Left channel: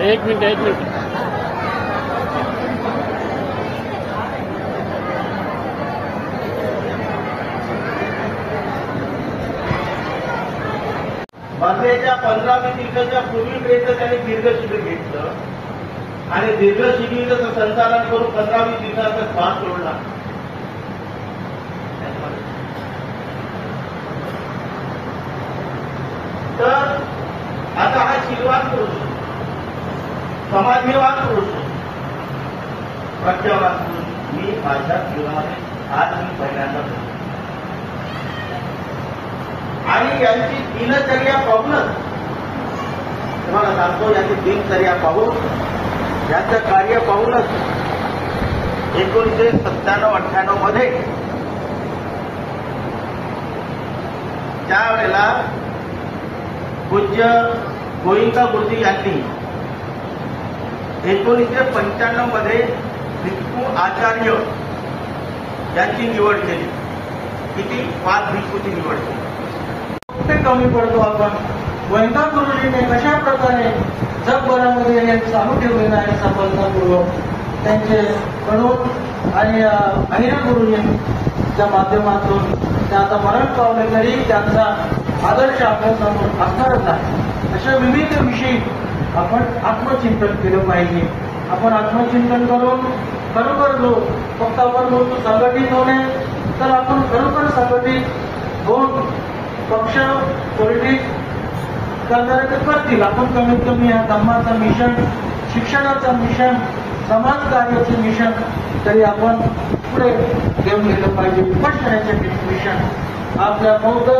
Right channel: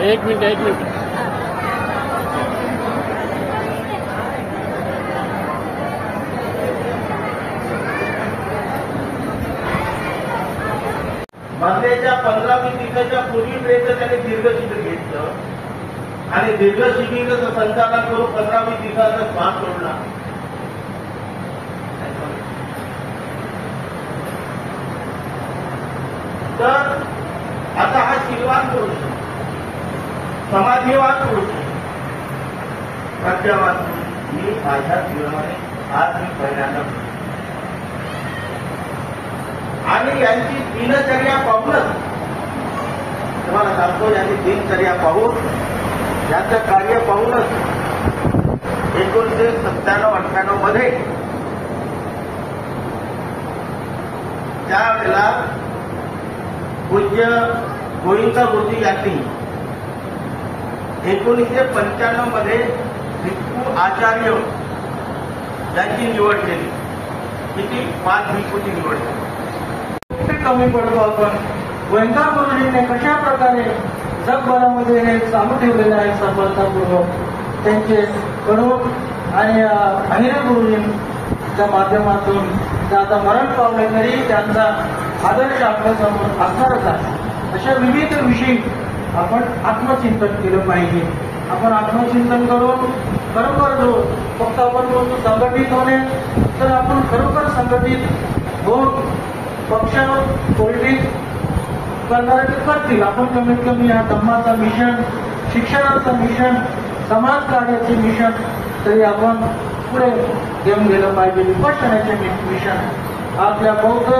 एक मिनिट बंदेच्या 15-20 दिवसाच्या पूर्वीपर्यंत त्यांनी दीर्घ शिबिर घेतलं आणि दीर्घ शिबिराचं संचालन करून 15-20 दिवसाचा श्वास सोडला. तर आता हा शीलवान पुरुष, समाधीवान पुरुष, प्रज्ञावान पुरुष मी माझ्या जीवनामध्ये आज मी पहिल्यांदा आणि यांची दिनचर्या पाहूनच तुम्हाला सांगतो, यांची दिनचर्या पाहून यांचं कार्य पाहूनच 1997-98 मध्ये त्यावेळेला पूज्य गोविंदा बुद्धी यांनी 1995 मध्ये भिक्खू आचार्य यांची निवड केली. किती 5 भिक्खूची निवड केली. कुठे कमी पडतो आपण. गोविंदा गुरुजीने कशा प्रकारे जगभरामध्ये हे चालू ठेवलेलं आहे सफलतापूर्वक. त्यांचे गणोत आणि अनिल गुरुजींच्या माध्यमातून ते आता मरण पावले तरी त्यांचा आदर्श आपल्यासमोर असणारच आहे. अशा विविध विषयी आपण आत्मचिंतन केलं पाहिजे. आपण आत्मचिंतन करून बरोबर जो फक्त आपण संघटित होणे तर आपण बरोबर संघटित होऊन पक्ष पॉलिटिक्स करणारे करतील. आपण कमीत कमी या धम्माचं मिशन, शिक्षणाचं मिशन, समाज कार्याचे मिशन तरी आपण पुढे घेऊन गेलं पाहिजे. विपक्षणाचे मिशन आपल्या बौद्ध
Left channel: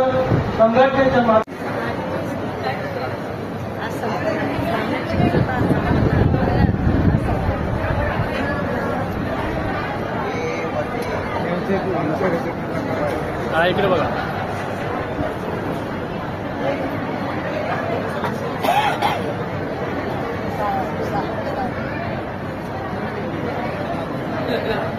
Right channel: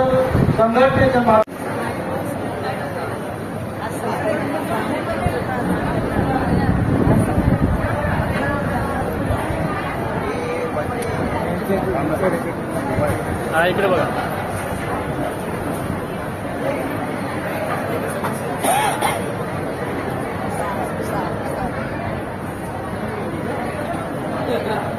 संघटनेच्या हा इकडे बघा. Yeah.